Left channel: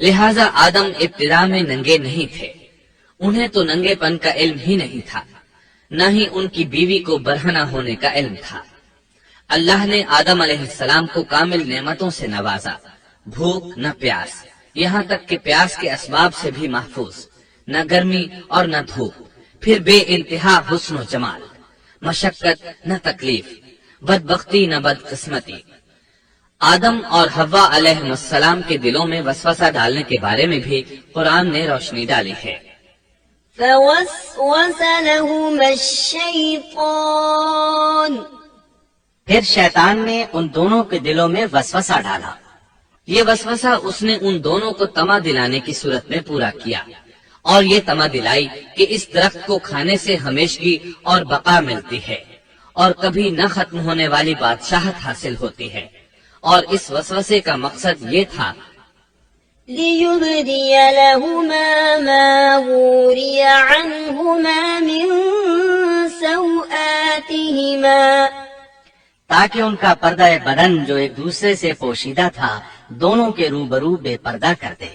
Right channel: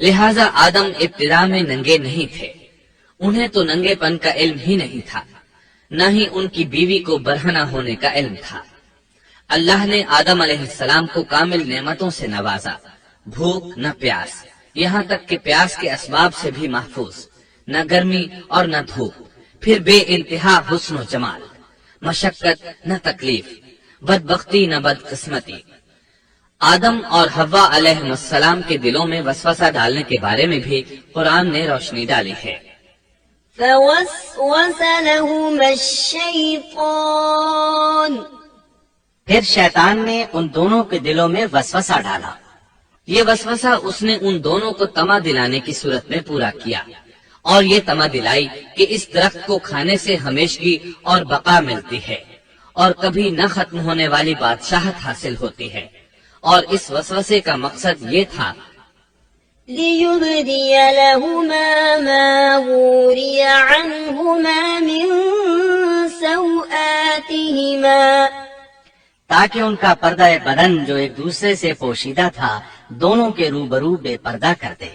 لہذا آدم ابتدا میں ننگے نہیں تھے، انہیں تو ننگے پن کا علم ہی نہیں تھا، نہ ہی ان کی بیوی کو برہنہ ہونے کا علم تھا۔ اللہ نے آدم علیہ السلام کو کامل نعمتوں سے نوازا، بھوک نہ پیاس، یہاں تک کہ پیاس کے اسباب سے بھی محفوظ، نہ گرمی اور نہ دھوپ، پھر بے انتہا حسن و جمال، مشقت نہ تکلیف، بدبختی نہ بدقسمتی۔ آدم اور حوا علیہ السلام کے دلوں میں وسوسہ ڈالنے کے بارے میں بھی قرآن نے روشنی ڈالی ہے۔ فوسوس لهما الشیطان، پھر شیطان نے ان دونوں کے دلوں میں وسوسہ ڈالا۔ یہ وسوسہ اس نے ان دونوں کو طمع دلانے کی صورت میں پورا کیا، اور یہ طمع دلائی کہ اس درخت کو کھانے سے ہمیشگی اور بقا ملتی ہے، اور کبھی نہ ختم ہونے والی بادشاہت حاصل ہوتی ہے۔ اور اس وسوسے کا مقصد یہ تھا لِيُبْدِيَ لَهُمَا مَا وُورِيَ عَنْهُمَا مِنْ سَوْآتِهِمَا، تاکہ ان کا پردہ بدن جو ایک دوسرے سے پوشیدہ تھا دونوں کے روبرو بے پردہ کر دے۔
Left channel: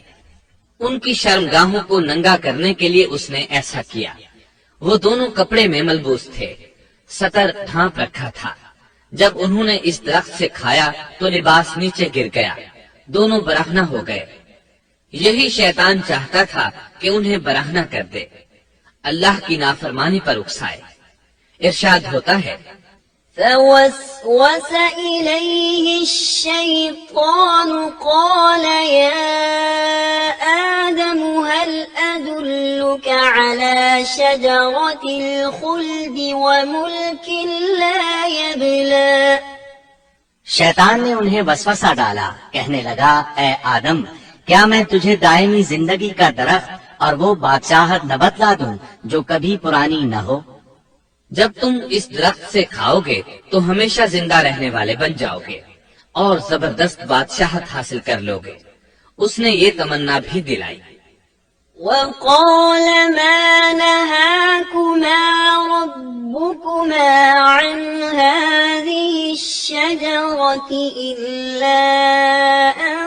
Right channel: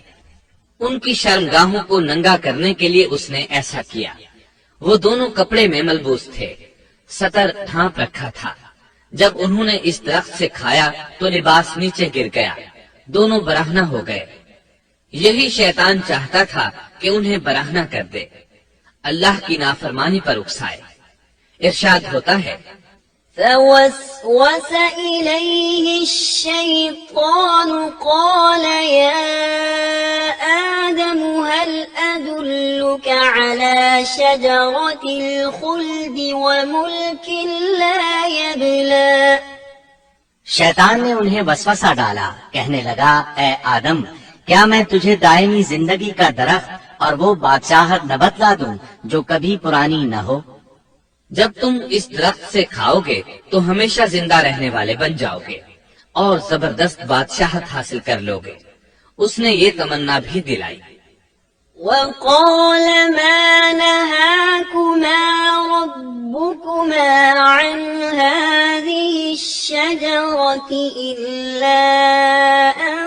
ان کی شرمگاہوں کو ننگا کرنے کے لیے اس نے ایسا کیا۔ وہ دونوں کپڑے میں ملبوس تھے، ستر ڈھانپ رکھا تھا۔ جب انہوں نے اس درخت سے کھایا تو لباس نیچے گر گیا، دونوں برہنہ ہو گئے۔ یہی شیطان چاہتا تھا کہ انہیں برہنہ کر دے، اللہ کی نافرمانی پر اکسائے۔ ارشاد ہوتا ہے فوسوس إليه الشيطان قال يا آدم هل أدلك على شجرة الخلد وملك لا يبلى، شیطان نے انہیں وسوسہ ڈالا، کہنے لگا اے آدم کیا میں تجھے دائمی زندگی کا درخت اور وہ بادشاہت نہ بتلا دوں جو کبھی پرانی نہ ہو؟ جب تم اس درخت سے کھاؤ گے تو ہمیشہ زندہ رہنے والے بن جاؤ گے اور زبردست بادشاہت حاصل کر لو گے۔ اس نے یہ تمنا بھی دلائی۔ وقال ما نهاكما ربكما عن هذه الشجرة إلا أن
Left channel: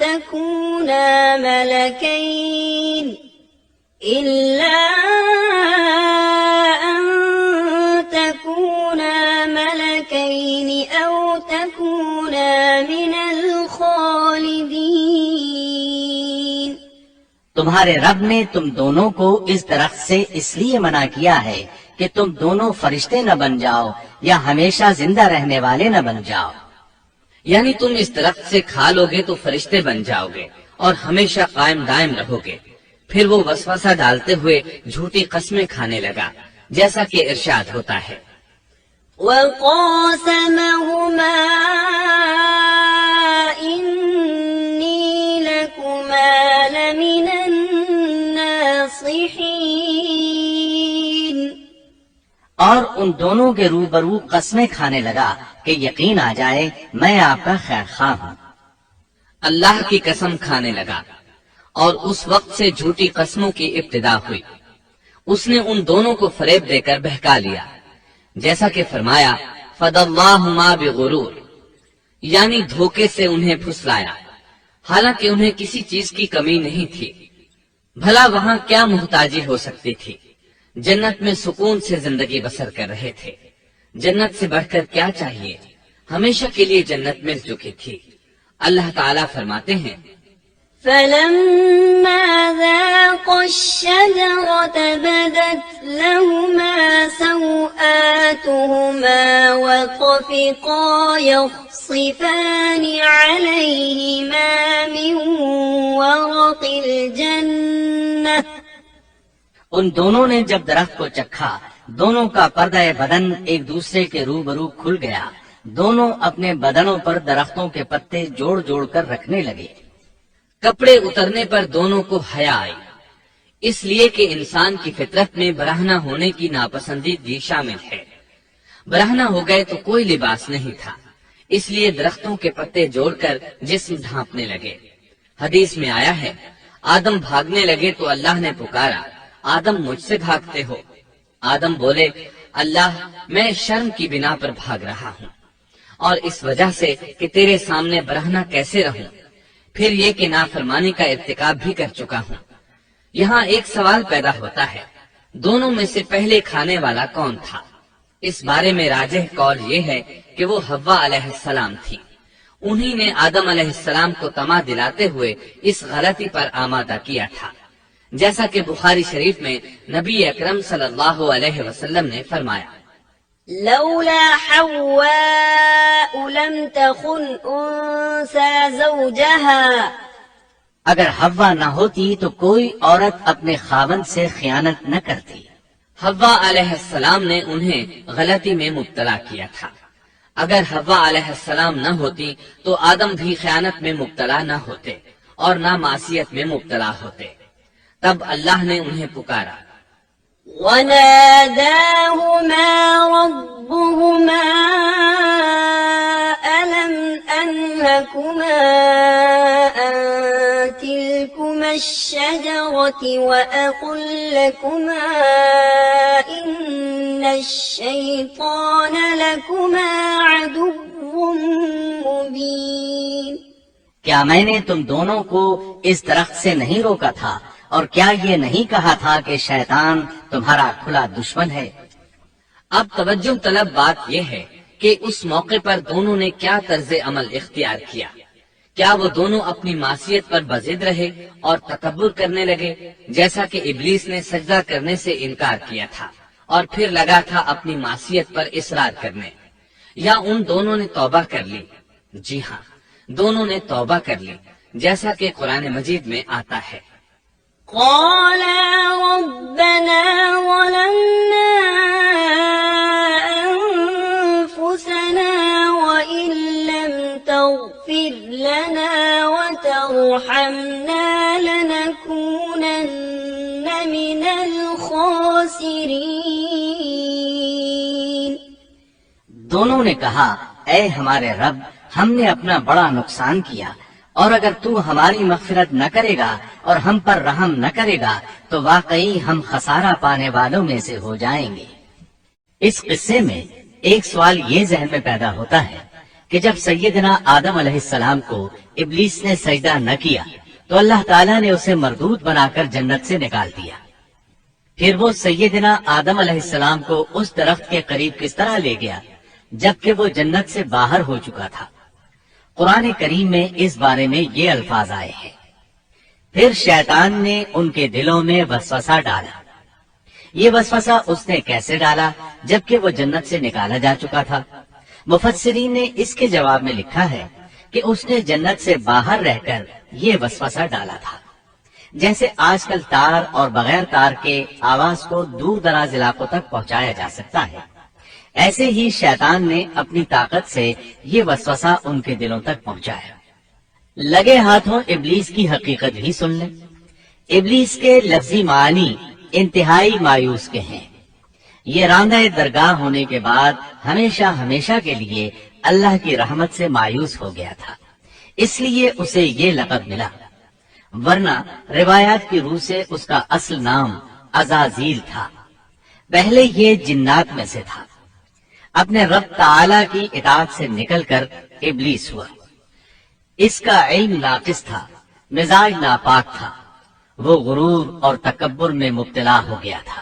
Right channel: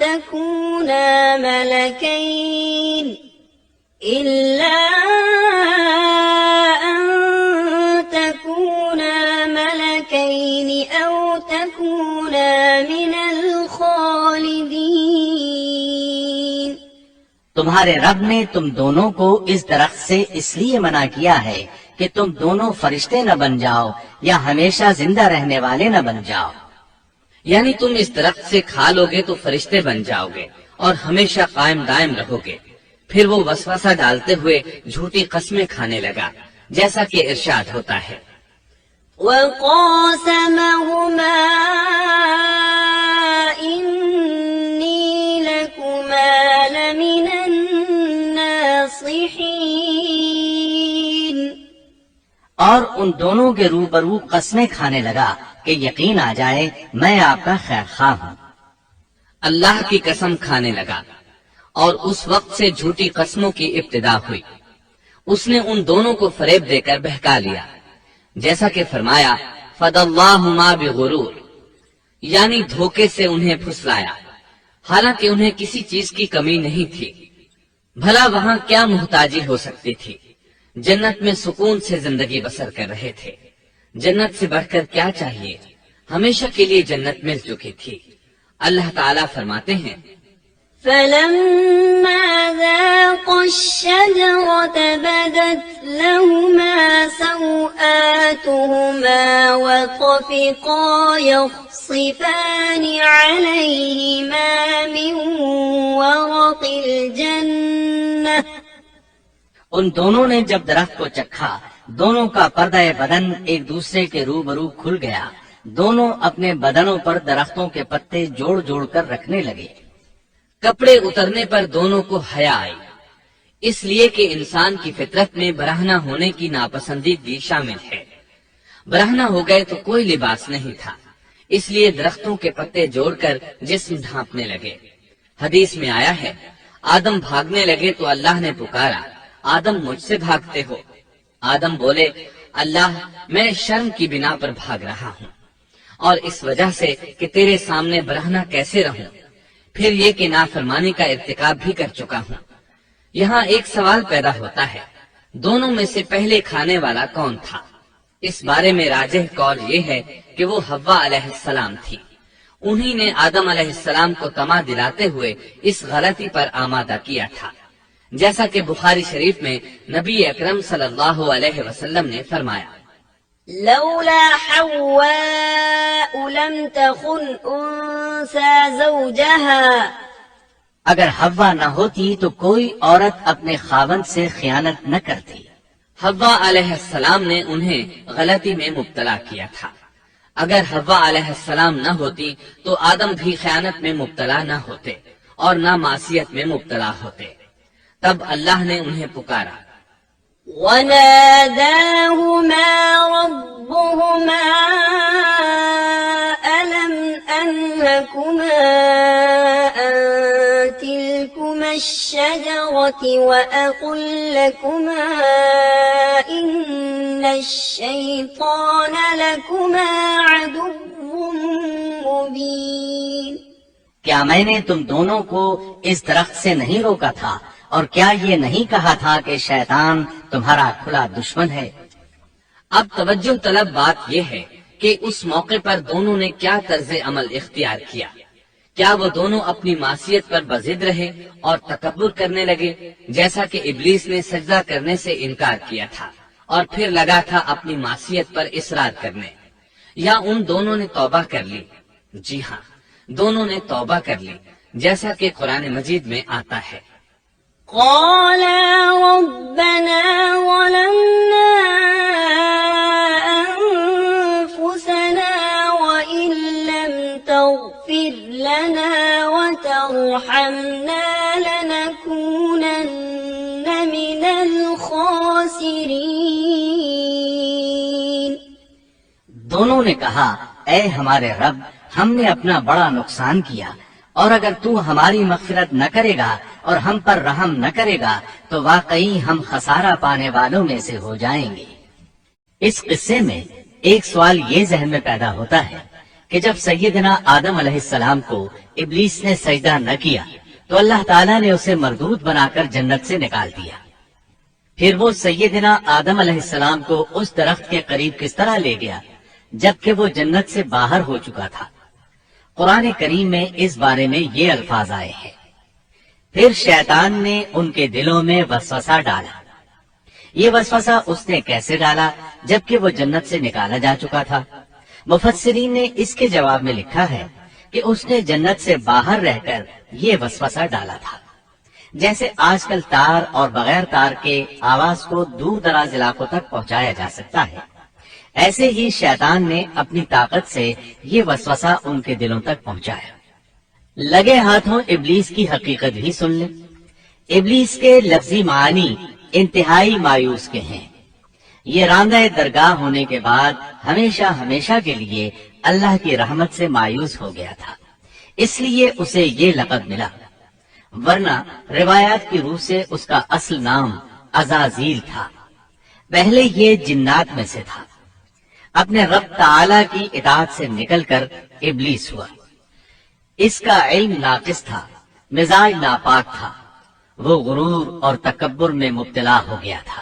تكونا ملكين أو تكونا من الخالدين، تمہارے رب نے تم دونوں کو اس درخت سے اس لیے منع کیا ہے کہ تم دونوں فرشتے نہ بن جاؤ یا ہمیشہ زندہ رہنے والے نہ بن جاؤ۔ یعنی تم اس درخت سے کھا لو گے تو فرشتے بن جاؤ گے اور ہمیشہ قائم دائم رہو گے۔ پھر وہ وسوسہ ڈالتے ہوئے جھوٹی قسمیں کھانے لگا، جیسا کہ ارشاد ہوتا ہے وقاسمهما إني لكما لمن الناصحين، اور ان دونوں کے روبرو قسمیں کھانے لگا کہ یقین آ جائے میں آپ کا خیر خواہ ہوں۔ اللہ کی قسم کھانے لگا، اور اس وقت سے جھوٹی قسموں کی ابتدا ہوئی۔ اس نے ان دونوں کو فریب دے کر بہکا لیا، جیسا کہ فرمایا فَدَلَّاهُمَا بِغُرُورٍ، یعنی دھوکے سے انہیں پھسلایا، حالانکہ انہیں کسی چیز کی کمی نہیں تھی۔ بھلا وہاں کیا محتاجی ہو سکتی تھی؟ جنت میں سکون سے زندگی بسر کر رہے تھے، جنت سے بڑھ کر کیا چاہیے؟ ہمیشہ کے لیے جنت مل چکی تھی۔ اللہ تعالیٰ فرماتے ہیں فلما ذاقا الشجرة بدت لهما سوآتهما وطفقا يخصفان عليهما من ورق الجنة، ان دونوں نے جب درخت کو چکھا دونوں کا پردہ بدن ایک دوسرے کے روبرو کھل گیا، دونوں اپنے بدنوں پر درختوں کے پتے جوڑ جوڑ کر رکھنے لگے۔ کپڑے اترنے پر دونوں کو حیا آئی، اس لیے کہ انسان کی فطرت میں برہنہ ہونے کی ناپسندیدگی شامل ہے۔ برہنہ ہو گئے تو کوئی لباس نہیں تھا، اس لیے درختوں کے پتے جوڑ کر جسم ڈھانپنے لگے۔ حدیث میں آیا ہے آدم بھاگنے لگے تو اللہ نے پکارا آدم مجھ سے بھاگتے ہو؟ آدم بولے اللہ میں شرم کی بنا پر بھاگ رہا ہوں، اور اس وجہ سے کہ تیرے سامنے برہنہ کیسے رہوں۔ پھر یہ کہ نافرمانی کا ارتکاب بھی کر چکا ہوں۔ یہاں ایک سوال پیدا ہوتا ہے، دونوں میں سے پہلے کھانے والا کون تھا؟ اس بارے میں راجح قول یہ ہے کہ وہ حوا علیہ السلام تھی۔ انہی نے آدم علیہ السلام کو طمع دلاتے ہوئے اس غلطی پر آمادہ کیا تھا، جیسا کہ بخاری شریف میں نبی اکرم صلی اللہ علیہ وسلم نے فرمایا، لولا حواء لم تخن أنثى زوجها اگر حوا نہ ہوتی تو کوئی عورت اپنے خاوند سے خیانت نہ کرتی۔ حوا علیہ السلام نے انہیں غلطی میں مبتلا کیا تھا۔ اگر حوا علیہ السلام نہ ہوتی تو آدم بھی خیانت میں مبتلا نہ ہوتے اور نہ معصیت میں مبتلا ہوتے۔ تب اللہ نے انہیں پکارا، وناداهما ربهما ألم أنهكما عن تلكما الشجرة وأقل لكما إن الشيطان لكما عدو مبين۔ کیا میں نے تم دونوں کو اس درخت سے نہیں روکا تھا، اور کیا یہ نہیں کہا تھا کہ شیطان تمہارا کھلا دشمن ہے؟ اب توجہ طلب بات یہ ہے کہ اس موقع پر دونوں نے کیا طرز عمل اختیار کیا۔ کیا وہ دونوں اپنی معصیت پر بضد رہے اور تکبر کرنے لگے، جیسا کہ ابلیس نے سجدہ کرنے سے انکار کیا تھا اور پھر لگا تھا اپنی معصیت پر اصرار کرنے، یا ان دونوں نے توبہ کر لی؟ جی ہاں، دونوں نے توبہ کر لی، جیسا کہ قرآن مجید میں آتا ہے، قالا ربنا ظلمنا أنفسنا وإن لم تغفر لنا وترحمنا لنكونن من الخاسرين۔ دونوں نے کہا، اے ہمارے رب، ہم نے اپنا بڑا نقصان کیا، اور اگر تو ہماری مغفرت نہ کرے گا اور ہم پر رحم نہ کرے گا تو واقعی ہم خسارہ پانے والوں میں سے ہو جائیں گے۔ اس قصے میں ایک سوال یہ ذہن میں پیدا ہوتا ہے کہ جب سیدنا آدم علیہ السلام کو ابلیس نے سجدہ نہ کیا تو اللہ تعالیٰ نے اسے مردود بنا کر جنت سے نکال دیا، پھر وہ سیدنا آدم علیہ السلام کو اس درخت کے قریب کس طرح لے گیا جبکہ وہ جنت سے باہر ہو چکا تھا؟ قرآن کریم میں اس بارے میں یہ الفاظ آئے ہیں، پھر شیطان نے ان کے دلوں میں وسوسہ ڈالا۔ یہ وسوسہ اس نے کیسے ڈالا جبکہ وہ جنت سے نکالا جا چکا تھا؟ مفسرین نے اس کے جواب میں لکھا ہے کہ اس نے جنت سے باہر رہ کر یہ وسوسہ ڈالا تھا۔ جیسے آج کل تار اور بغیر تار کے آواز کو دور دراز علاقوں تک پہنچایا جا سکتا ہے، ایسے ہی شیطان نے اپنی طاقت سے یہ وسوسہ ان کے دلوں تک پہنچایا۔ لگے ہاتھوں ابلیس کی حقیقت بھی سن لیں۔ ابلیس کے لفظی معنی انتہائی مایوس کے ہیں۔ یہ راندہ درگاہ ہونے کے بعد ہمیشہ ہمیشہ کے لیے اللہ کی رحمت سے مایوس ہو گیا تھا، اس لیے اسے یہ لقب ملا، ورنہ روایات کی روح سے اس کا اصل نام عزازیل تھا۔ پہلے یہ جنات میں سے تھا، اپنے رب تعالی کی اطاعت سے نکل کر ابلیس ہوا۔ اس کا علم ناقص تھا، مزاج ناپاک تھا، وہ غرور اور تکبر میں مبتلا ہو گیا تھا۔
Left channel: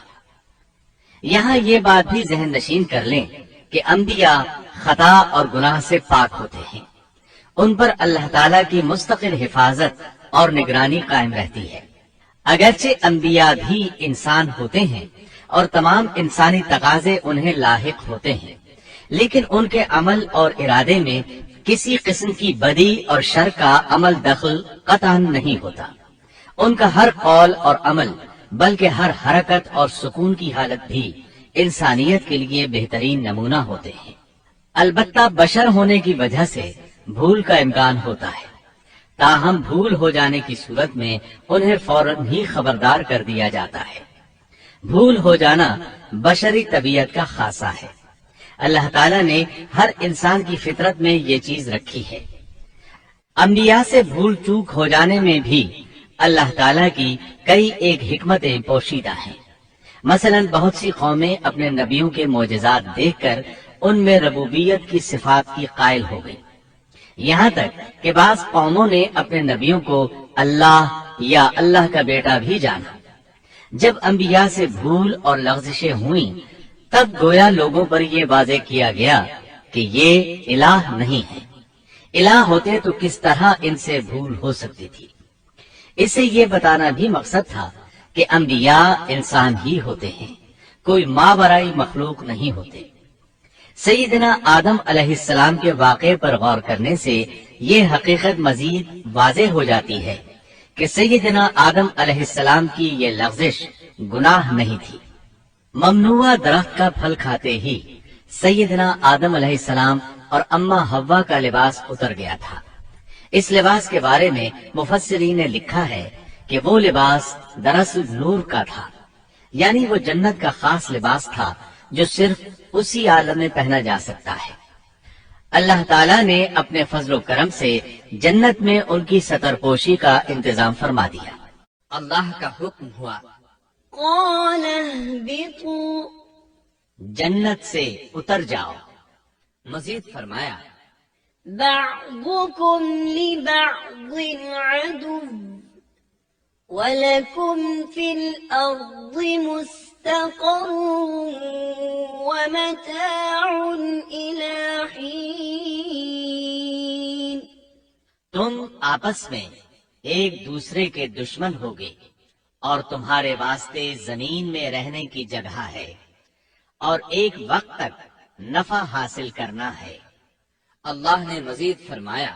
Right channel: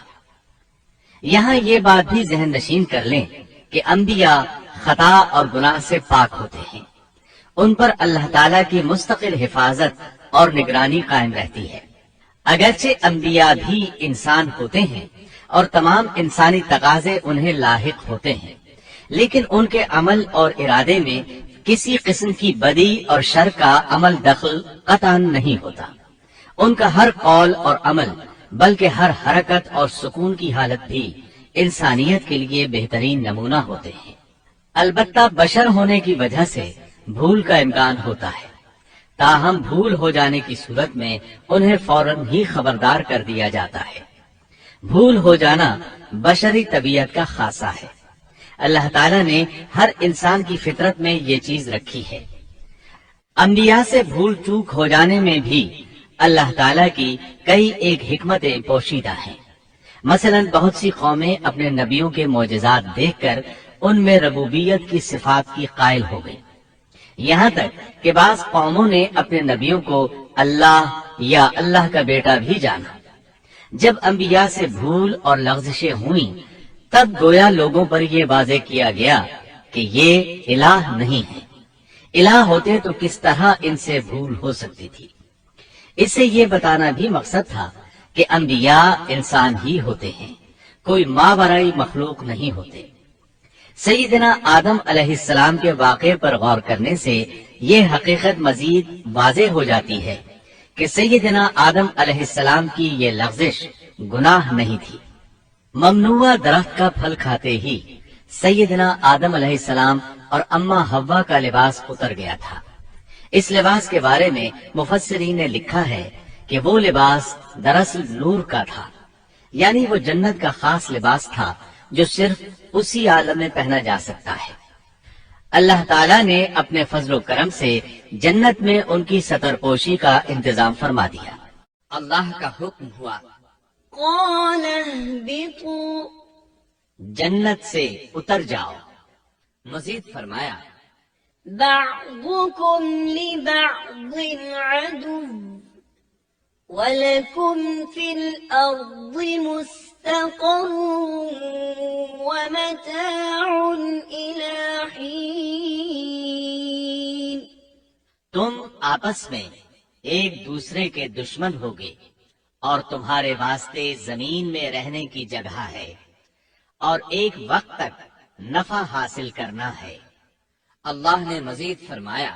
یہاں یہ بات بھی ذہن نشین کر لیں کہ انبیاء خطا اور گناہ سے پاک ہوتے ہیں، ان پر اللہ تعالیٰ کی مستقل حفاظت اور نگرانی قائم رہتی ہے۔ اگرچہ انبیاء بھی انسان ہوتے ہیں اور تمام انسانی تقاضے انہیں لاحق ہوتے ہیں، لیکن ان کے عمل اور ارادے میں کسی قسم کی بدی اور شر کا عمل دخل قطعاً نہیں ہوتا۔ ان کا ہر قول اور عمل بلکہ ہر حرکت اور سکون کی حالت بھی انسانیت کے لیے بہترین نمونہ ہوتے ہیں۔ البتہ بشر ہونے کی وجہ سے بھول کا امکان ہوتا ہے، تاہم بھول ہو جانے کی صورت میں انہیں فوراً ہی خبردار کر دیا جاتا ہے۔ بھول ہو جانا بشری طبیعت کا خاصہ ہے۔ اللہ تعالیٰ نے ہر انسان کی فطرت میں یہ چیز رکھی ہے۔ انبیاء سے بھول چوک ہو جانے میں بھی اللہ تعالیٰ کی کئی ایک حکمتیں پوشیدہ ہیں۔ مثلا بہت سی قومیں اپنے نبیوں کے معجزات دیکھ کر ان میں ربوبیت کی صفات کی قائل ہو گئی، یہاں تک کہ بعض قوموں نے اپنے نبیوں کو اللہ یا اللہ کا بیٹا بھی جانا۔ جب انبیاء سے بھول اور لغزشیں ہوئیں تب گویا لوگوں پر یہ واضح کیا گیا کہ یہ الہ نہیں ہے۔ الہ ہوتے تو کس طرح ان سے بھول ہو سکتی تھی۔ اس سے یہ بتانا بھی مقصد تھا کہ انبیاء انسان ہی ہوتے ہیں، کوئی ماورائی مخلوق نہیں ہوتے۔ سیدنا آدم علیہ السلام کے واقعے پر غور کرنے سے یہ حقیقت مزید واضح ہو جاتی ہے کہ سیدنا آدم علیہ السلام کی یہ لغزش گناہ نہیں تھی۔ ممنوع درخت کا پھل کھاتے ہی سیدنا آدم علیہ السلام اور اماں حوا کا لباس اتر گیا تھا۔ اس لباس کے بارے میں مفسرین نے لکھا ہے کہ وہ لباس دراصل نور کا تھا، یعنی وہ جنت کا خاص لباس تھا جو صرف اسی عالم میں پہنا جا سکتا ہے۔ اللہ تعالیٰ نے اپنے فضل و کرم سے جنت میں ان کی ستر پوشی کا انتظام فرما دیا۔ اللہ کا حکم ہوا، قال اهبطوا جنت سے اتر جاؤ۔ مزید فرمایا، بعضكم لبعض عدو ولكم في الأرض مستقر ومتاع إلى حين۔ تم آپس میں ایک دوسرے کے دشمن ہوگے اور تمہارے واسطے زمین میں رہنے کی جگہ ہے اور ایک وقت تک نفع حاصل کرنا ہے۔ اللہ نے مزید فرمایا،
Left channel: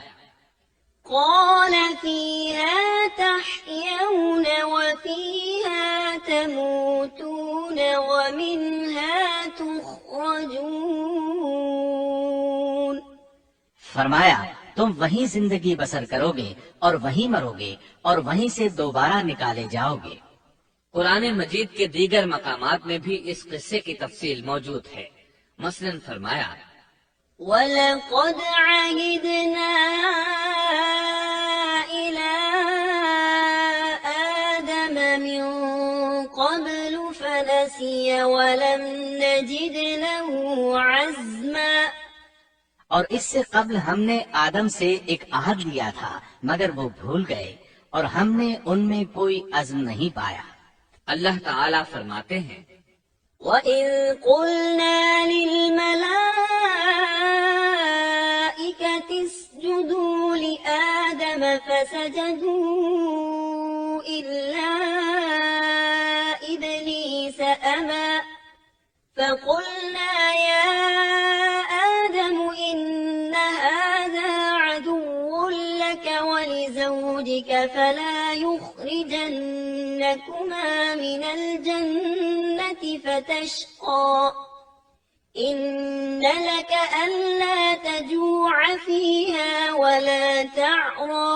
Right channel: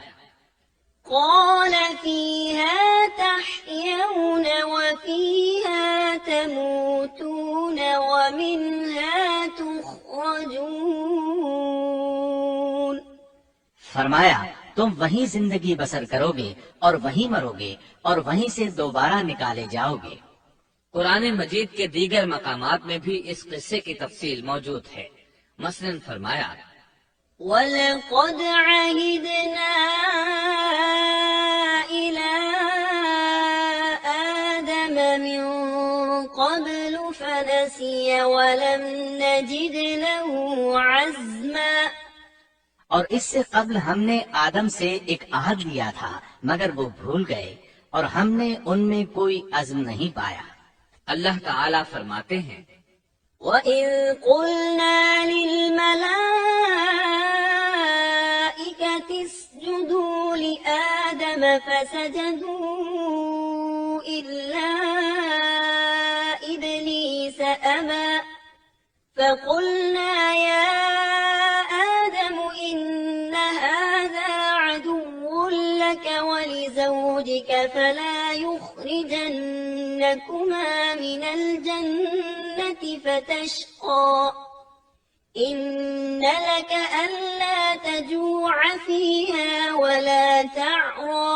قال فيها تحيون وفيها تموتون ومنها تخرجون۔ فرمایا تم وہیں زندگی بسر کرو گے اور وہیں مرو گے اور وہیں سے دوبارہ نکالے جاؤ گے۔ قرآن مجید کے دیگر مقامات میں بھی اس قصے کی تفصیل موجود ہے۔ مثلاً فرمایا، وَلَقَدْ عَهِدْنَا إِلَىٰ آدَمَ مِن قَبْلُ فَنَسِيَ وَلَمْ نَجِدْ لَهُ عَزْمًا۔ اور اس سے قبل ہم نے آدم سے ایک عہد لیا تھا مگر وہ بھول گئے اور ہم نے ان میں کوئی عزم نہیں پایا۔ اللہ تعالیٰ فرماتے ہیں، وَإِذْ قُلْنَا لِلْمَلَائِكَةِ اسْجُدُوا لِآدَمَ فَسَجَدُوا إِلَّا إِبْلِيسَ أَبَى فَقُلْنَا يَا آدَمُ إِنَّ هَذَا عَدُوٌّ لَكَ وَلِزَوْجِكَ فَلَا يُخْرِجَنَّكُمَا مِنَ الْجَنَّةِ فَتَشْقَى إِنَّ لَكَ أَلَّا تَجُوعَ فِيهَا وَلَا تَعْرَى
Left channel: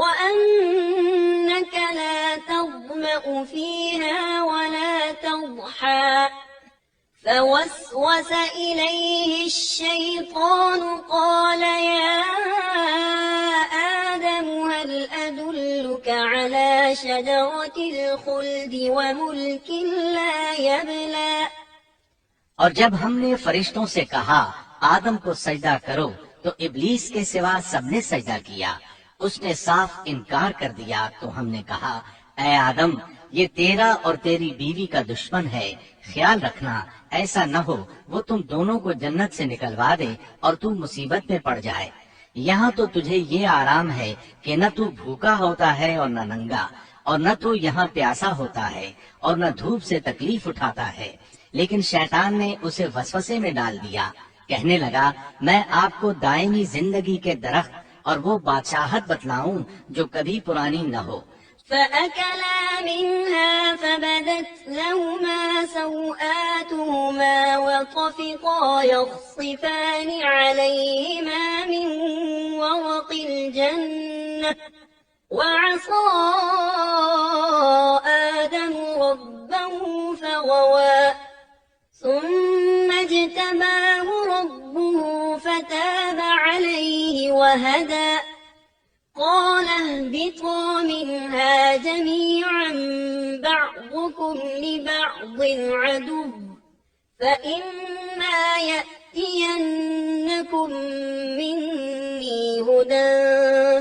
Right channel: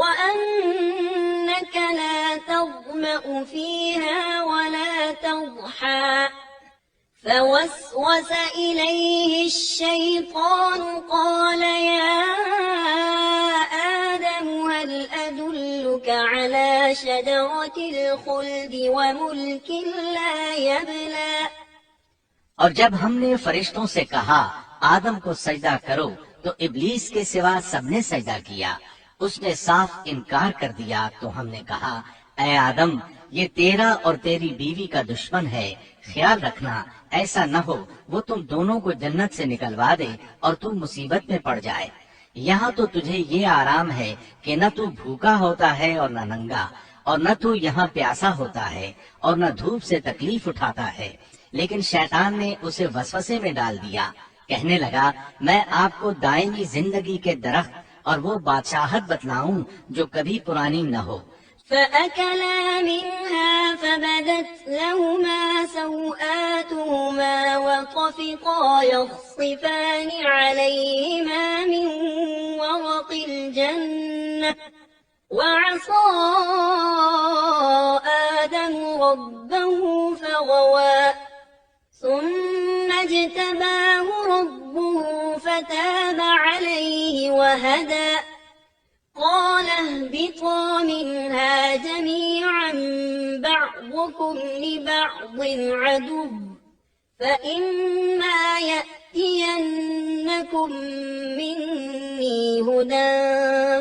وَأَنَّكَ لَا تَظْمَأُ فِيهَا وَلَا تَضْحَى فوسوس إليه الشيطان قال يا آدم هل أدلك على شجرة الخلد وملك لا يبلى۔ اور جب ہم نے فرشتوں سے کہا آدم کو سجدہ کرو تو ابلیس کے سوا سب نے سجدہ کیا۔ اس نے صاف انکار کر دیا تو ہم نے کہا اے آدم یہ تیرا اور تیری بیوی کا دشمن ہے، خیال رکھنا ایسا نہ ہو وہ تم دونوں کو جنت سے نکلوا دے اور تو مصیبت میں پڑ جائے۔ یہاں تو تجھے یہ آرام ہے کہ نہ تو بھوکا ہوتا ہے اور نہ ننگا، اور نہ تو یہاں پیاسا ہوتا ہے اور نہ دھوپ سے تکلیف اٹھاتا ہے۔ لیکن شیطان نے اسے وسوسے میں ڈال دیا، کہنے لگا میں آپ کو دائمی زندگی کے درخت اور وہ بادشاہت بتلاؤں جو کبھی پرانی نہ ہو۔ فأكلا منها فبدت لهما سوآتهما وطفقا يخصفان عليهما من ورق الجنة وعصى آدم ربه فغوى ثم اجتباه ربه فتاب عليه وهدى قال اهبطا منها جميعا بعضكم لبعض عدو فإما يأتينكم مني هدى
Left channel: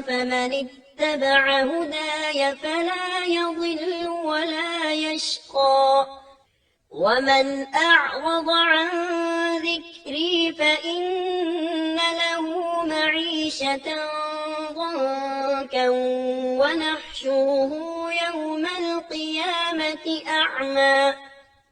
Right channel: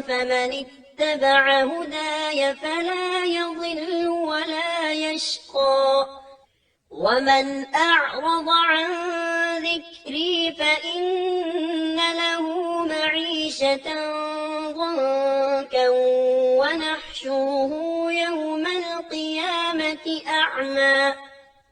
فمن اتبع هداي فلا يضل ولا يشقى ومن أعرض عن ذكري فإن له معيشة ضنكا ونحشره يوم القيامة أعمى.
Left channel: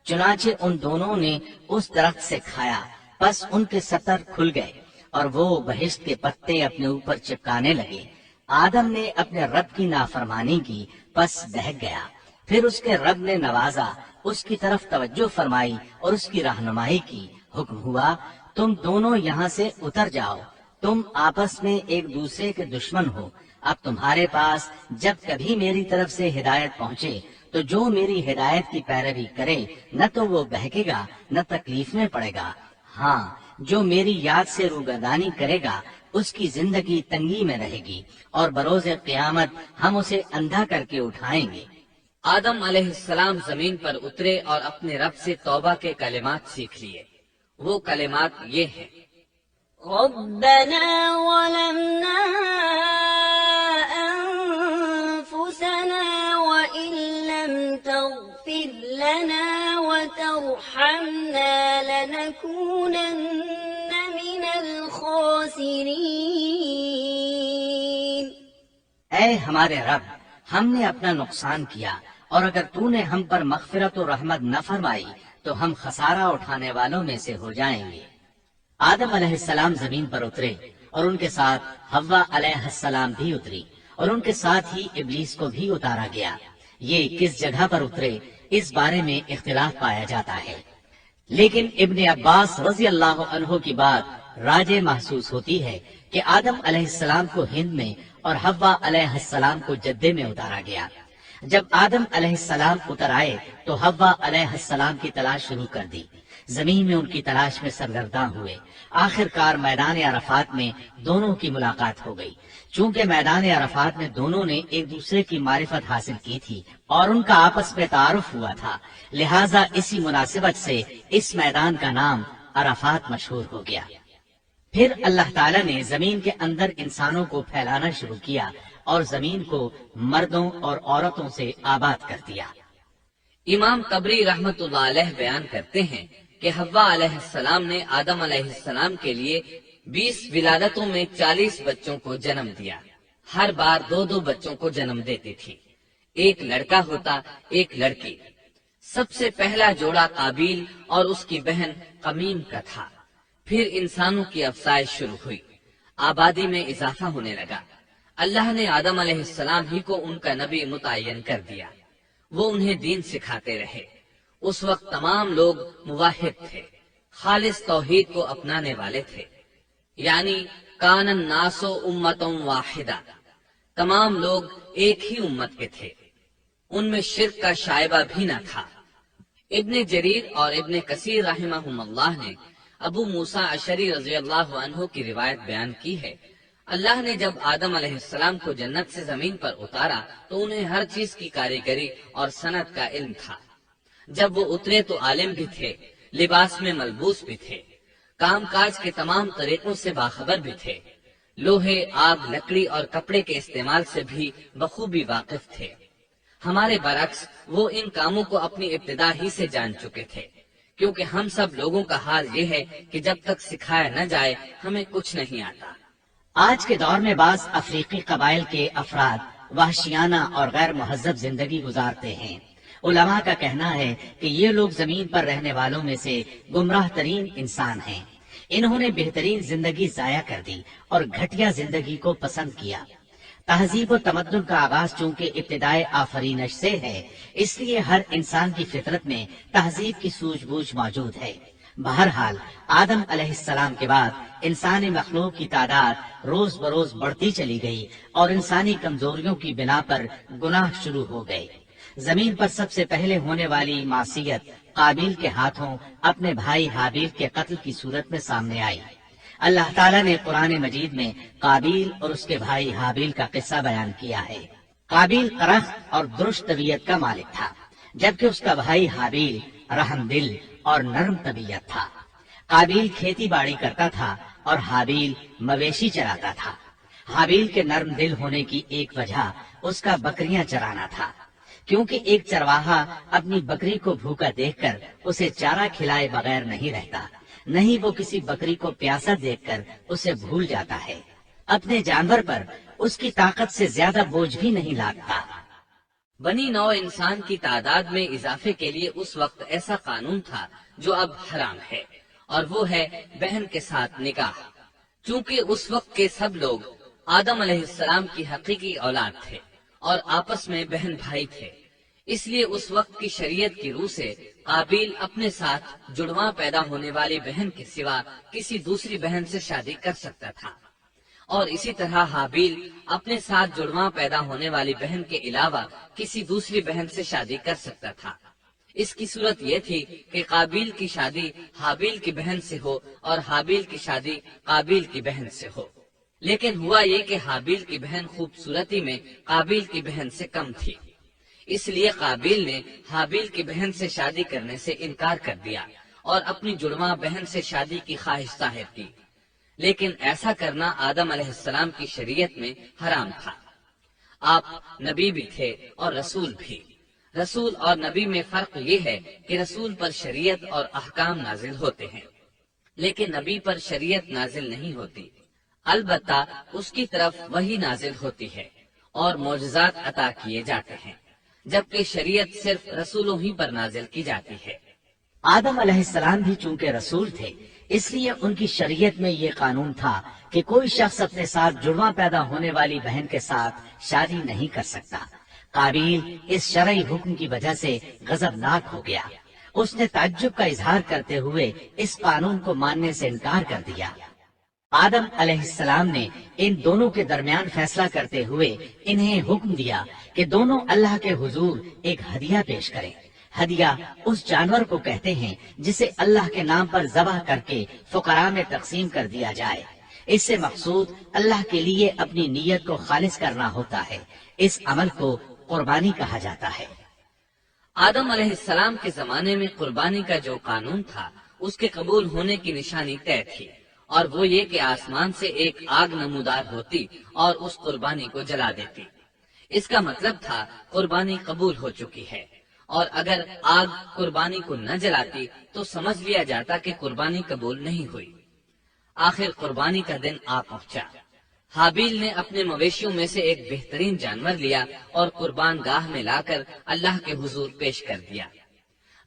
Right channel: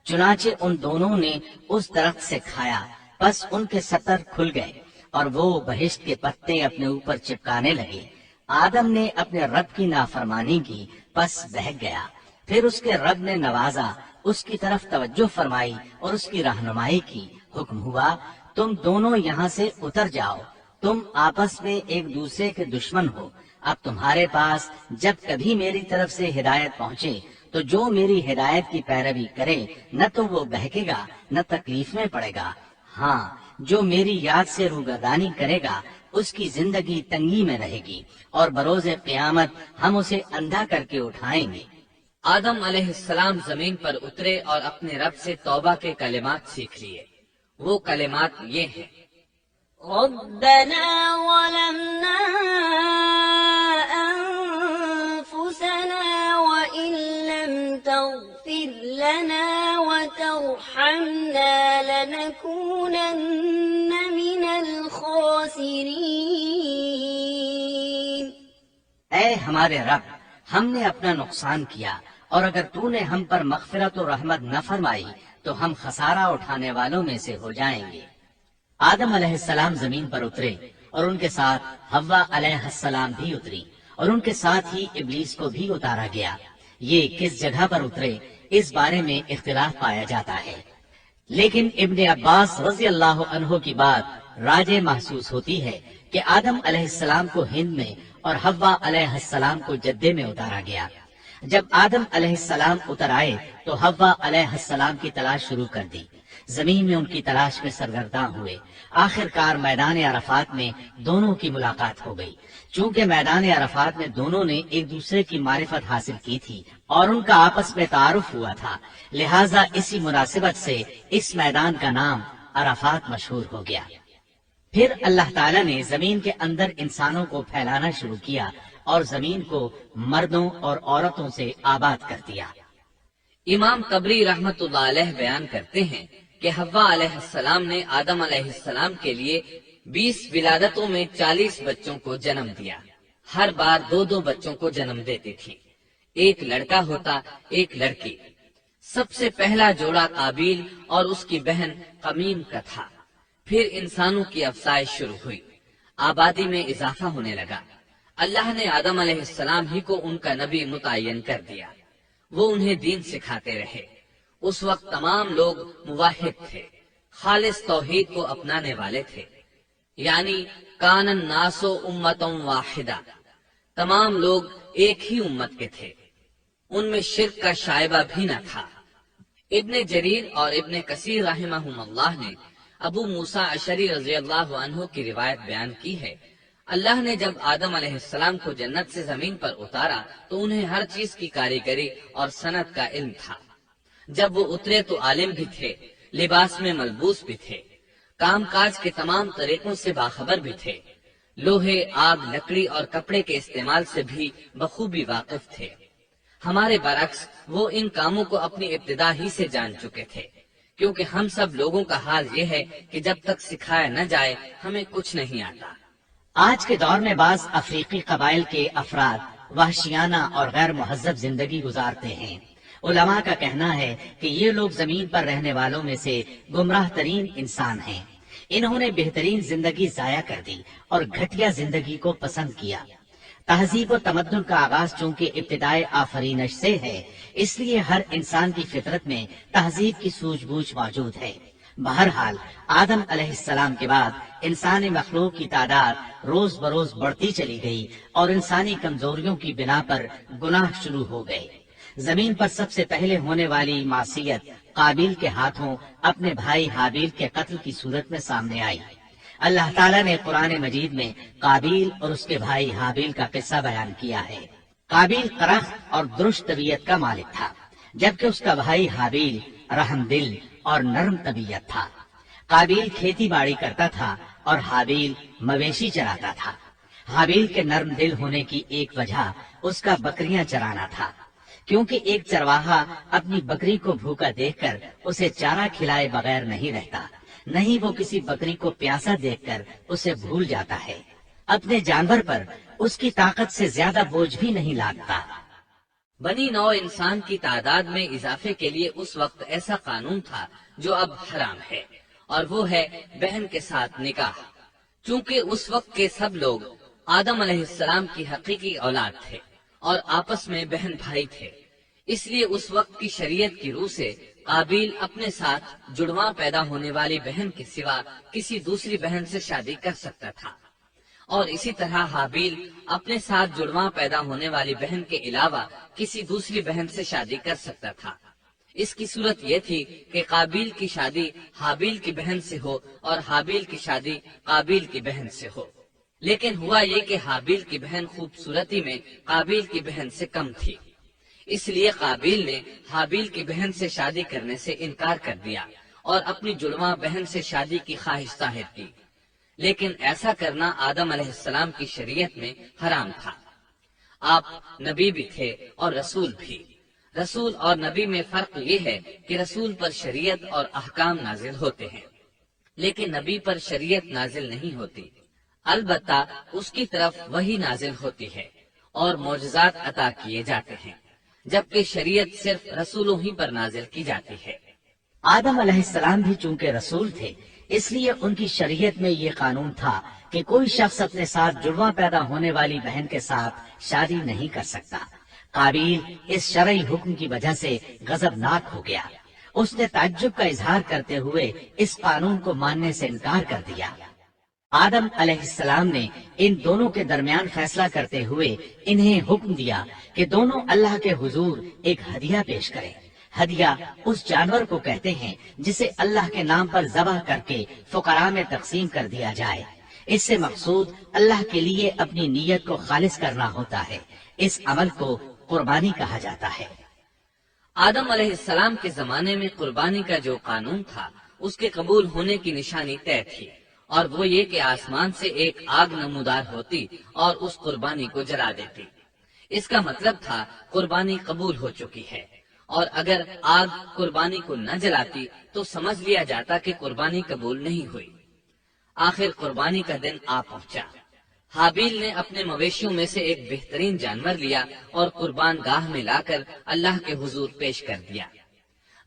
چنانچہ ان دونوں نے اس درخت سے کھایا، پس ان کے سطر کھل گئے اور وہ بہشت کے پتے اپنے اوپر چپکانے لگے۔ آدم نے اپنے رب کی نافرمانی کی، پس بہک گیا۔ پھر اس کے رب نے نوازا، اس کی طرف توجہ فرمائی اور اس کی رہنمائی کی۔ حکم ہوا تم دونوں یہاں سے اتر جاؤ، تم آپس میں ایک دوسرے کے دشمن ہو۔ اب تمہارے پاس جب کبھی میری طرف سے ہدایت پہنچے تو جو میری ہدایت کی پیروی کرے نہ تو وہ بہکے گا نہ تکلیف میں پڑے گا، ہاں جو میری یاد سے روگردانی کرے گا اس کی زندگی تنگی میں رہے گی اور بروز قیامت ہم اسے اندھا کر کے اٹھائیں گے۔ آدم علیہ السلام زمین پر اترے اور اپنے رب سے توبہ کے کلمات سیکھ لیے۔ وہ کلمات یہ ہیں: ربنا ظلمنا أنفسنا وإن لم تغفر لنا وترحمنا لنكونن من الخاسرين. اے ہمارے رب، ہم نے اپنا نقصان کیا اور اگر تو نے ہم پر مغفرت و رحمت نہ فرمائی تو ہم خسارہ اٹھانے والوں میں سے ہو جائیں گے۔ آدم علیہ السلام زمین پر اترے اور ان کے ساتھ حوا علیہ السلام بھی اتری اور ان کے ساتھ ہی ابلیس کو بھی اتارا گیا۔ یہ کس جگہ پر اترے اس بارے میں اختلاف پایا جاتا ہے، لیکن ابن عباس رضی اللہ عنہ کی بات راجح محسوس ہوتی ہے کہ آدم علیہ السلام کو ہند میں اور حوا علیہ السلام کو جدے میں اتارا گیا۔ جب آدم علیہ السلام اتر آئے تو حوا علیہ السلام کی تلاش شروع کر دی، زمین میں ان کی تلاش میں سرگرداں ہوئے۔ آخر کار میدان عرفات میں دونوں کی ملاقات ہو گئی۔ چونکہ میدان عرفات میں دونوں نے ایک دوسرے کی معرفت حاصل کی تھی اور ان کا آپس میں تعارف ہوا تھا، لہٰذا اسی مناسبت سے اس میدان کا نام عرفات مشہور ہو گیا۔ پھر اللہ تعالیٰ نے زمین کے اندر انسانوں کو پھیلانا شروع کیا اور زمین کو مردوں اور عورتوں سے آباد کر دیا۔ امام طبری رحمت اللہ علیہ بیان کرتے ہیں کہ حوا علیہ السلام نے آدم علیہ السلام کے لیے 20 ولادتوں میں 40 بچوں کو جنم دیا۔ ہر بار 2 بچوں کو جنم دیتی تھی، ایک لڑکا ہوتا ایک لڑکی۔ سب سے پہلا جوڑا قابیل اور اس کی بہن قمیم کا تھا۔ پھر انسانوں کی افزائش شروع ہوئی، آبادی میں اضافہ ہونے لگا۔ اللہ نے آدم علیہ السلام ہی کو ان کا نبی متعین کر دیا، وہ انہیں دین سکھاتے رہے۔ اس وقت تمام لوگ موحد تھے، خالص توحید کو اپنانے والے تھے، یعنی کان الناس امۃ واحدہ، تمام لوگ ایک ہی امت کے تھے، ان میں شرک کا شائبہ بھی نہ تھا۔ ابن جریر اور ابن کثیر رحمہم اللہ نے ابو موسیٰ اشعری رضی اللہ عنہ کی روایت بیان کی ہے، اللہ نے جب آدم علیہ السلام کو جنت سے زمین پر اتارا تو انہیں ہر چیز کی کاریگری اور صنعت کا علم تھا۔ جب وہ اترے تو عالم بھی تھے، لباس میں ملبوس بھی تھے، کام کاج کے تمام طریقوں سے باخبر بھی تھے، لوہے، آگ، لکڑی اور کپڑے کے استعمال سے بھی بخوبی واقف تھے۔ ہمارے برعکس وہ ان کاموں کو اپنی ابتدا ہی سے جان چکے تھے، کیونکہ ہم سب لوگوں کا حال یہ ہے کہ جب تک سکھایا نہ جائے ہمیں کچھ نہیں آتا۔ آج کے دور میں بعض افریقی قبائل کے افراد وحشیانہ اور غیر مہذب زندگی گزارتے ہیں۔ علماء کا کہنا ہے کہ یہ لوگ زمین پر رہنے والوں میں سے گمراہ ترین انسان ہیں۔ انہوں نے بہترین زندگی ضائع کر دی اور گھٹیا زندگی کو پسند کیا۔ تہذیب و تمدن کا آغاز چونکہ ابتدائے آفرینش سے ہے، اس لیے ہر انسان کی فطرت میں تہذیب کی سوجھ بوجھ موجود ہے۔ بہرحال آدم علیہ السلام کے بعد انسانی مخلوق کی تعداد روز بروز بڑھتی چلی گئی اور انسانی کمزوریوں کی بنا پر گناہ شروع ہو گئے۔ زمین پر سب سے پہلے ہونے والی معصیت قابیل کے ہاتھوں اپنے بھائی حابیل کے قتل کی صورت میں سامنے آئی۔ اللہ تعالیٰ نے قرآن مجید میں قابیل اور اس کے بھائی حابیل کا قصہ بیان کیا ہے۔ قابیل قرخ اور درست طبیعت کا مالک تھا، جبکہ اس کا بھائی حابیل رحم دل اور نرم طبیعت تھا۔ قابیل کھیتی باڑی کرتا تھا اور حابیل مویشی چراتا تھا۔ حابیل کے نرم دل ہونے کی ایک وجہ اس کا بکریاں چرانا تھا، کیونکہ ایک چرواہا اپنی بکری کو بھوکا دیکھ کر اسے چارہ کھلائے بغیر نہیں رہتا، نہیں وہ کسی بکری کو پیاسا دیکھ کر اسے بھول جاتا ہے۔ اپنے جانور پر اس کی طاقت سے زیادہ بوجھ بھی نہیں لادتا۔ بنی نوع انسان کی تعداد میں اضافے کے لیے اس وقت ایسا قانون تھا جو اب حرام ہے، اور وہ ہے بہن کے ساتھ نکاح۔ چونکہ اس وقت کے سب لوگ آدم علیہ السلام کی حقیقی اولاد تھے اور آپس میں بہن بھائی تھے، اس لیے اس وقت کی شریعت کی روح سے قابیل اپنے ساتھ جڑواں پیدا ہونے والی بہن کے سوا کسی دوسری بہن سے شادی کر سکتا تھا، اور اسی طرح حابیل اپنے ساتھ جڑواں پیدا ہونے والی بہن کے علاوہ کسی دوسری بہن سے شادی کر سکتا تھا۔ اس کی صورت یہ تھی کہ قابیل کی شادی حابیل کی بہن سے ہو اور حابیل کی شادی قابیل کی بہن سے ہو، لیکن ہوا یہ کہ حابیل کی بہن خوبصورتی میں قابیل کی بہن سے کم تھی، اس لیے قابیل نے حابیل کی بہن سے شادی کرنے سے انکار کر دیا اور اپنی جڑواں بہن سے شادی کی خواہش ظاہر کی، لیکن ایسا کرنا آدم علیہ السلام کی شریعت میں حرام تھا۔ آپ نبی بھی تھے اور رسول بھی۔ رسول اور نبی میں فرق یہ ہے کہ رسول پر شریعت اور احکام نازل ہوتے ہیں، لیکن نبی پر شریعت نازل نہیں ہوتی، البتہ اس کی طرف وہی نازل ہوتی ہے اور معجزات عطا کیے جاتے ہیں، جبکہ شریعت صرف رسولوں ہی پر نازل کی جاتی ہے۔ آدم علیہ السلام بھی چونکہ رسول تھے، اس لیے ان کی شریعت میں یہ قانون تھا کہ کوئی شخص اپنے ساتھ جڑواں پیدا ہونے والی بہن کے ساتھ شادی نہیں کر سکتا۔ قابیل اس شرعی حکم کی وجہ سے غضبناک ہو گیا۔ اس نے تعجب کا اظہار کرتے ہوئے اس قانون کو ماننے سے انکار کر دیا۔ آدم علیہ السلام نے ان دونوں کے درمیان فیصلہ کرتے ہوئے انہیں حکم دیا کہ دونوں اللہ کے حضور ایک ہدیہ پیش کریں۔ ہدیہ اس جانور کو کہتے ہیں جسے اللہ کے نام پر ذبح کر کے فقراء میں تقسیم کر دیا جائے۔ اس سے مقصود اللہ کے لیے اپنی نیت کو خالص کرنا ہوتا ہے۔ اس عمل کو قربانی کہا جاتا ہے۔ آدم علیہ السلام کے زمانے میں قربانی کا جو قانون تھا اس کے قبول ہونے کی نشانی طے تھی، اور وہ یہ کہ آسمان سے ایک آگ نمودار ہوتی اور اس قربانی کو جلا دیتی۔ اس کا مطلب تھا قربانی قبول ہو چکی ہے، اور اگر آگ قربانی کو نہ جلاتی تو سمجھ لیا جاتا کہ قربانی قبول نہیں ہوئی۔ آخر قربانی کا دن آ پہنچا۔ حابیل نے اپنے مویشیوں میں سے ایک بہترین جانور لیا اور قربان گاہ میں لا کر اللہ کے حضور پیش کر دیا۔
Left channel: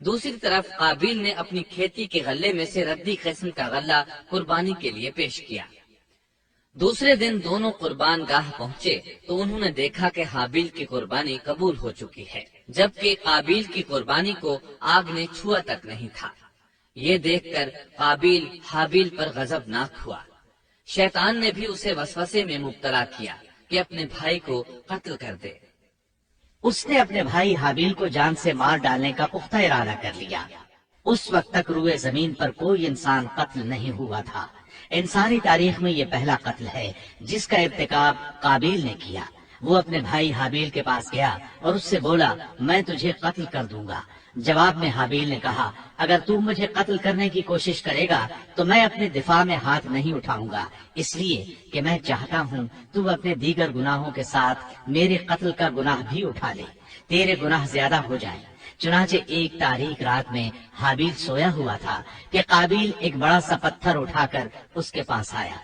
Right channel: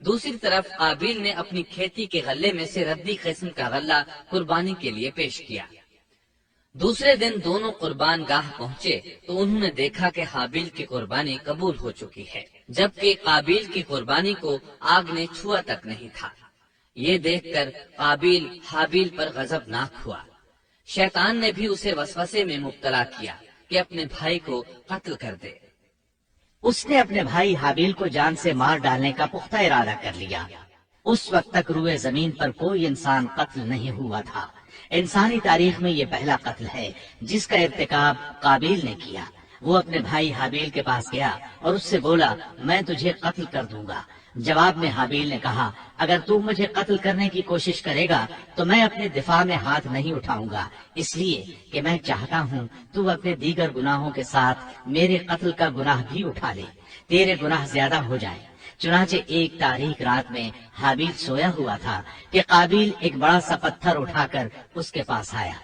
دوسری طرف قابیل نے اپنی کھیتی کے غلے میں سے ردی قسم کا غلہ قربانی کے لیے پیش کیا۔ دوسرے دن دونوں قربان گاہ پہنچے تو انہوں نے دیکھا کہ حابیل کی قربانی قبول ہو چکی ہے، جبکہ قابیل کی قربانی کو آگ نے چھوا تک نہیں تھا۔ یہ دیکھ کر قابیل حابیل پر غضبناک ہوا۔ شیطان نے بھی اسے وسوسے میں مبتلا کیا کہ اپنے بھائی کو قتل کر دے۔ اس نے اپنے بھائی حابیل کو جان سے مار ڈالنے کا پختہ ارادہ کر لیا۔ اس وقت تک روئے زمین پر کوئی انسان قتل نہیں ہوا تھا۔ انسانی تاریخ میں یہ پہلا قتل ہے جس کا ارتکاب قابیل نے کیا۔ وہ اپنے بھائی حابیل کے پاس گیا اور اس سے بولا، میں تجھے قتل کر دوں گا۔ جواب میں حابیل نے کہا، اگر تو مجھے قتل کرنے کی کوشش کرے گا تو میں اپنے دفاع میں ہاتھ نہیں اٹھاؤں گا، اس لیے کہ میں چاہتا ہوں تو اپنے دیگر گناہوں کے ساتھ میرے قتل کا گناہ بھی اٹھا لے، تیرے گناہ زیادہ ہو جائیں۔ چنانچہ ایک تاریک رات میں حابیل سویا ہوا تھا کہ قابیل ایک بڑا سا پتھر اٹھا کر اس کے پاس آیا۔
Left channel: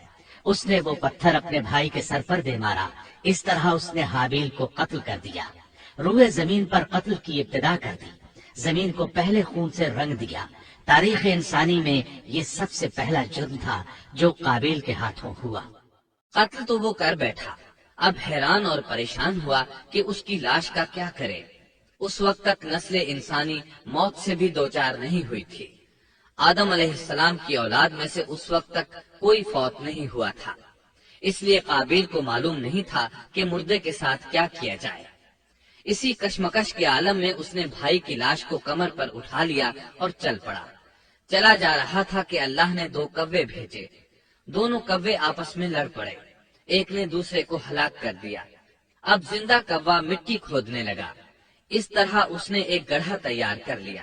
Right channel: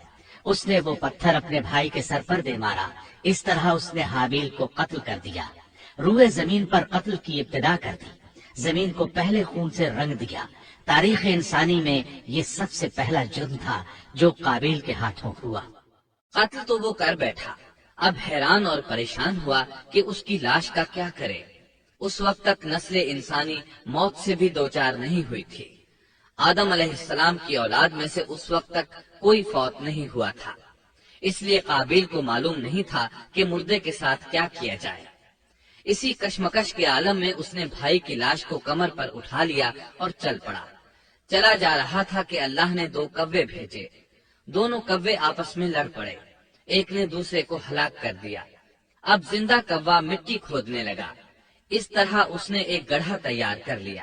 اس نے وہ پتھر اپنے بھائی کے سر پر دے مارا۔ اس طرح اس نے حابیل کو قتل کر دیا، روئے زمین پر قتل کی ابتدا کر دی، زمین کو پہلے خون سے رنگ دیا۔ تاریخ انسانی میں یہ سب سے پہلا جرم تھا جو قابیل کے ہاتھوں ہوا۔ قتل تو وہ کر بیٹھا، اب حیران اور پریشان ہوا کہ اس کی لاش کا کیا کرے۔ اس وقت تک نسل انسانی موت سے بھی دوچار نہیں ہوئی تھی۔ آدم علیہ السلام کی اولاد میں سے اس وقت تک کوئی فوت نہیں ہوا تھا، اس لیے قابیل کو معلوم نہیں تھا کہ مردے کے ساتھ کیا کیا جائے۔ اسی کشمکش کے عالم میں اس نے بھائی کی لاش کو کمر پر اٹھا لیا اور چل پڑا۔ چلا جا رہا تھا کہ اللہ نے دو کوے بھیجے۔ دونوں کوے آپس میں لڑ پڑے، ایک نے دوسرے کو ہلاک کر دیا۔ اب زندہ کوا مٹی کھودنے لگا۔ اس طرح اس نے ایک گڑھا تیار کر لیا۔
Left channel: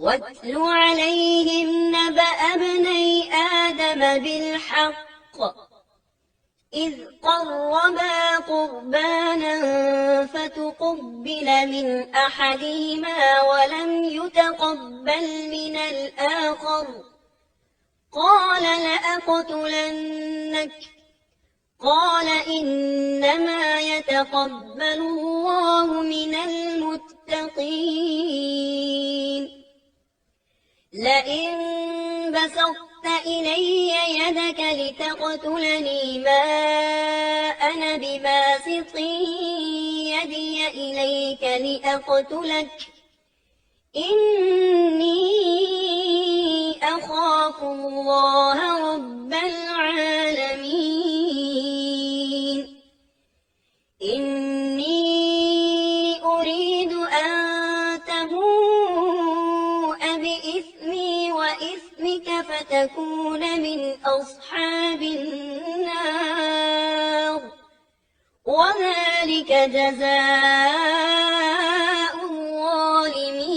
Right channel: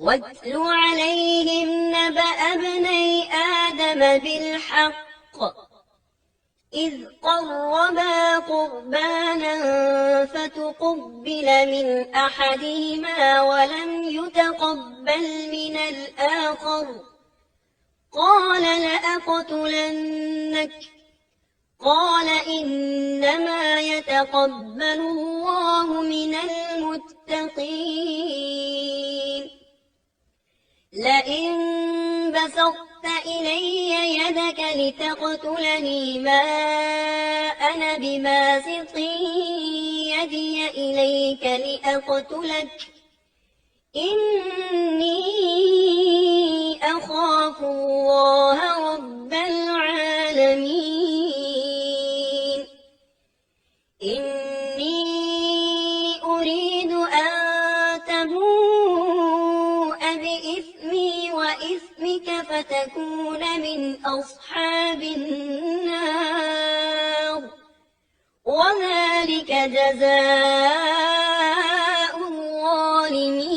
واتل عليهم نبأ ابني آدم بالحق إذ قربا قربانا فتقبل من أحدهما ولم يتقبل من الآخر قال لأقتلنك قال إنما يتقبل الله من المتقين لئن بسطت إلي يدك لتقتلني ما أنا بباسط يدي إليك لأقتلك إني أخاف الله رب العالمين إني أريد أن تبوء بإثمي وإثمك فتكون من أصحاب النار وذلك جزاء الظالمين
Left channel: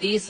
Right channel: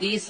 30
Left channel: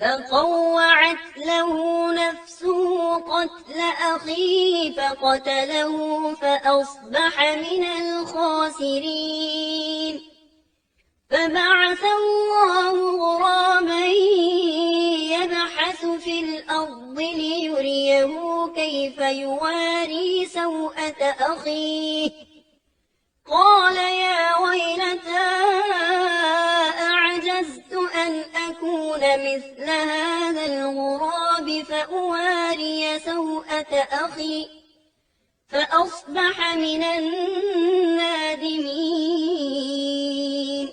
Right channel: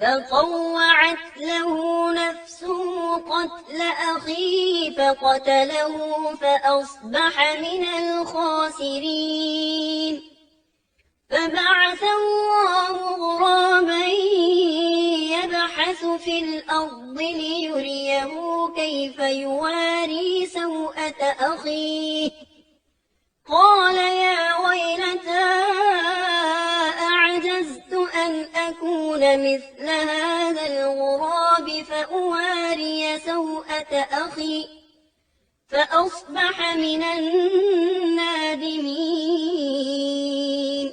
فطوعت له نفسه قتل أخيه فقتله فأصبح من الخاسرين فبعث الله غرابا يبحث في الأرض ليريه كيف يواري سوءة أخيه قال يا ويلتى أعجزت أن أكون مثل هذا الغراب فأواري سوءة أخي فأصبح من النادمين